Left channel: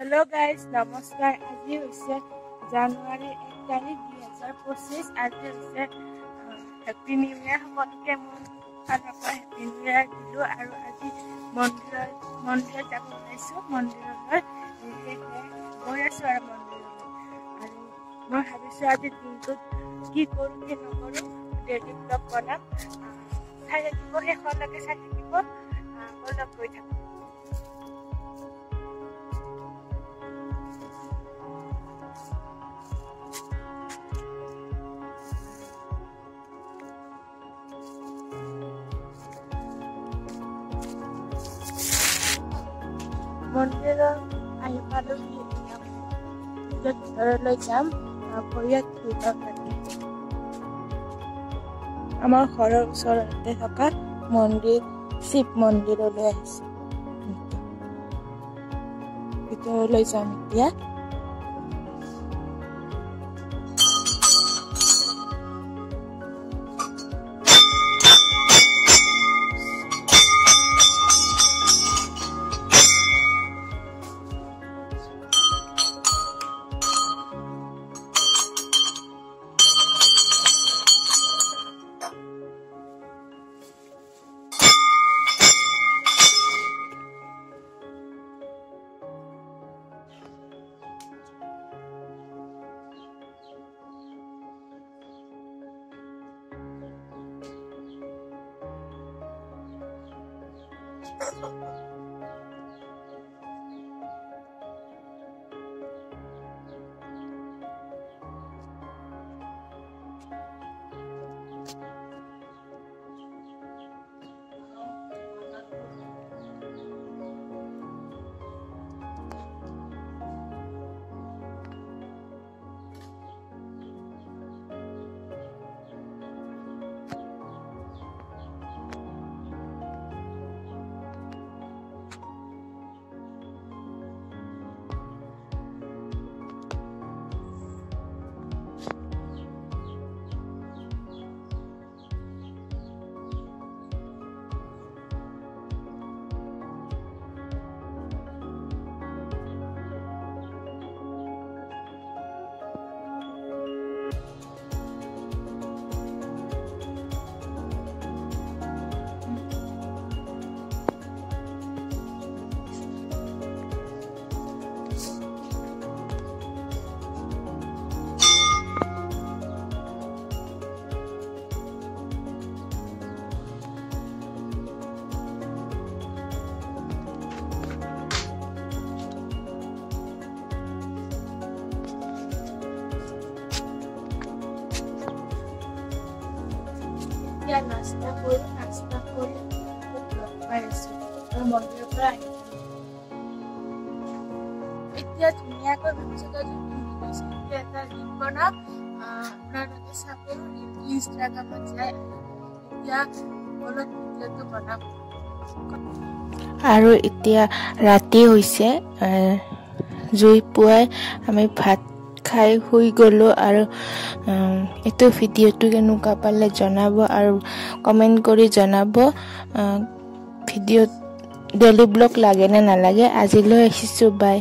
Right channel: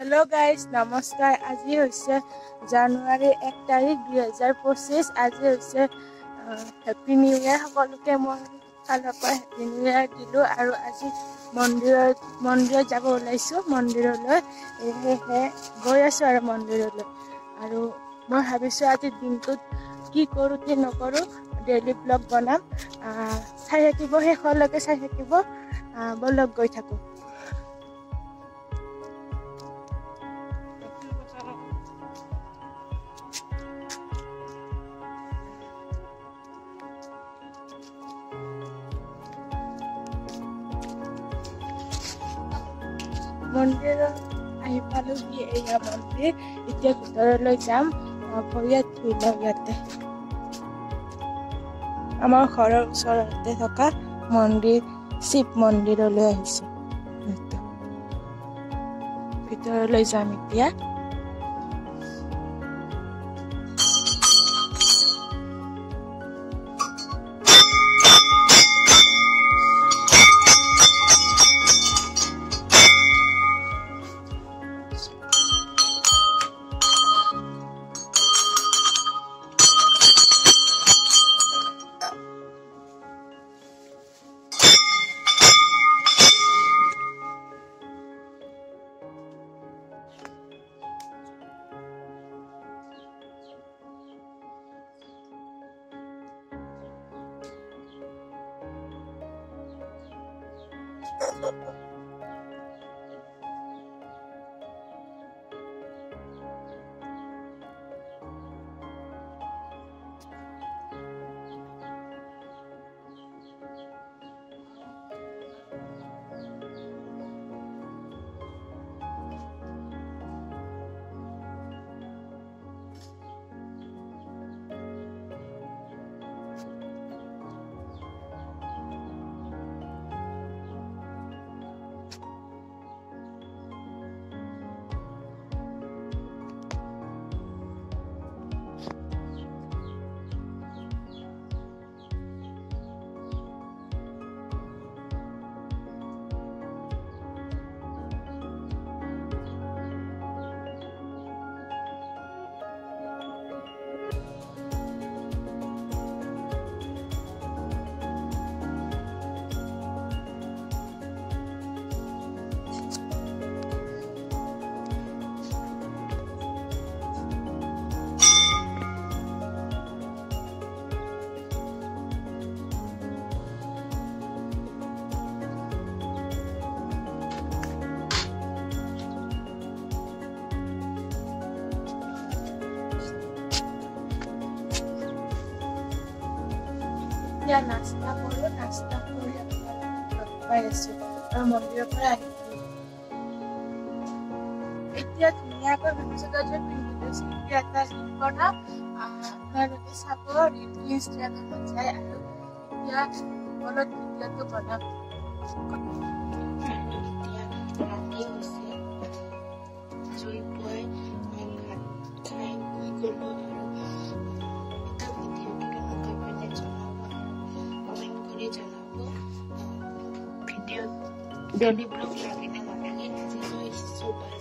hello guys नमस्कार আজি হৈছে জানুৱাৰী 1 তাৰিখ 2025 আজি হৈছে হ্যাপি নিউ ইয়াৰ সকলোকে মই ফালৰ পৰা হ্যাপি নিউ ইয়াৰ দিলো আৰু আজি মন্দিৰত যাব ওলাইছো মন্দিৰলৈ গৈ আছো আৰু মন্দিৰলৈ আৰু মই ভাবিছো আজি দিনটোত কি কৰো কি নকৰো ডেইলি ব্লগ বনাম চাই থাকিব শেষলৈকে চাই থাকিব বলক গৈ থাকো মন্দিৰ আহি পালো কি এয়া মন্দিৰ এতিয়া ভিতৰলৈ যাম ভৰিয়াত ধুই লওঁ ইয়াতে আমাৰ ঘৰৰ ওচৰতে থকা মন্দিৰ শিৱ মন্দিৰলৈ আহিছো ভিতৰলৈ যাম এতিয়া या नाश्ता কৰি পাই আছো আৰু মন্দিৰৰ পৰা আহিছো এতিয়া ধুনীয়াকৈ ভাবিছো যে পিন্ধিছো এটা ৰিল বনাও আপোনালোকে চাব ৰিলটো ইনষ্টাগ্ৰামত যায় আৰু এতিয়া অলপ ভিডিঅ'টো বনাম আৰু এতিয়া ৰাতি হৈছে জুই পুৱাই আমি ভাত খাই শুই গলো আৰু এটো ভিডিঅ'টো কেনেকুৱা পালে জনাব আৰু কমেন্ট কৰি জনাব ভিডিঅ' ডেইলি ব্লগ লাগে নে নালাগে আজিলৈ আহিছো বাই